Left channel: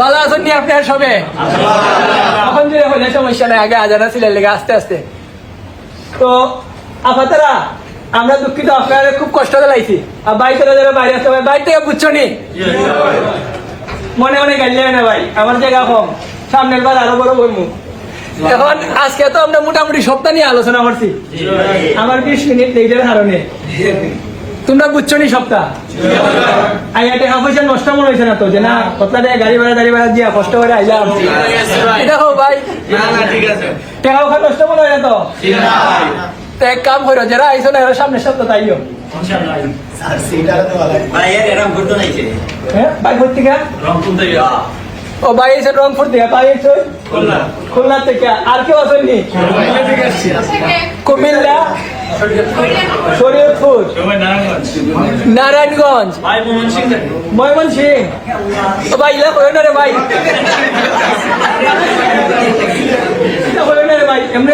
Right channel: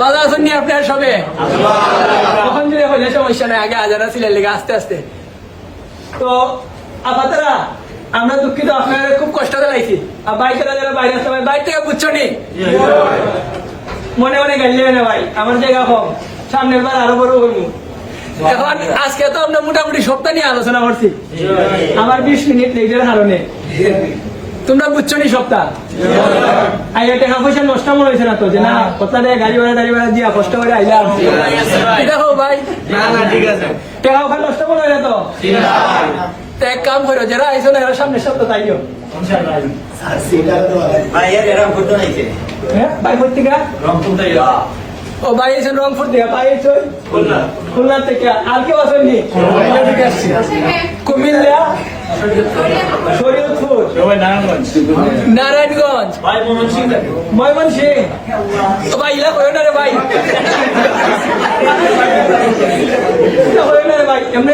ভালো আছেন নি আপনার সবে? এখন যে হলে সমস্যা নাই, আগে আজানা ছিলেন লেগে আস্তে আস্তে। তো আপাতরা আমরা দুঃখিত, আপনারা খুব কষ্ট লাইছি। আর বাইকেরা যারা বাইরে আসতে পারে বাইর থেকে বুঝছো নি, মনে মনে গাইলে না ভাই, আমার জায়গা কম, সামনের বার আরো বড় বলবো। এখন আজকে তো আমরা মোটামুটি সপ্তাহ নিয়ে আলোচনা করছি, আমার 20 মিনিট লেগের কারণে। তোমরা বুঝছো নি সপ্তাহ টাকা পয়সা নষ্ট মনে হয়েছে না তো, যে না কতটা গাড়ি ভাড়া দিয়া কষ্ট করে আইলাম, দেখো ভাই টাকা ওখানে নষ্ট মনে হয় না তো? তো এক কাম করো, যারা আইসো না এরা সামনের সপ্তাহ তাইও। হ্যাঁ ভাই কোথেকে? ও ভাই এসেন রংপুর থেকে, ভাই এসে খুলনা থেকে। আর কেউ আসেননি? কুমিল্লা, শরীয়তপুর, নারায়ণগঞ্জ, ময়মনসিং। ও ভাই ইলা করেন না রে ভাই, ইলা করেন না রে ভাই, এমনি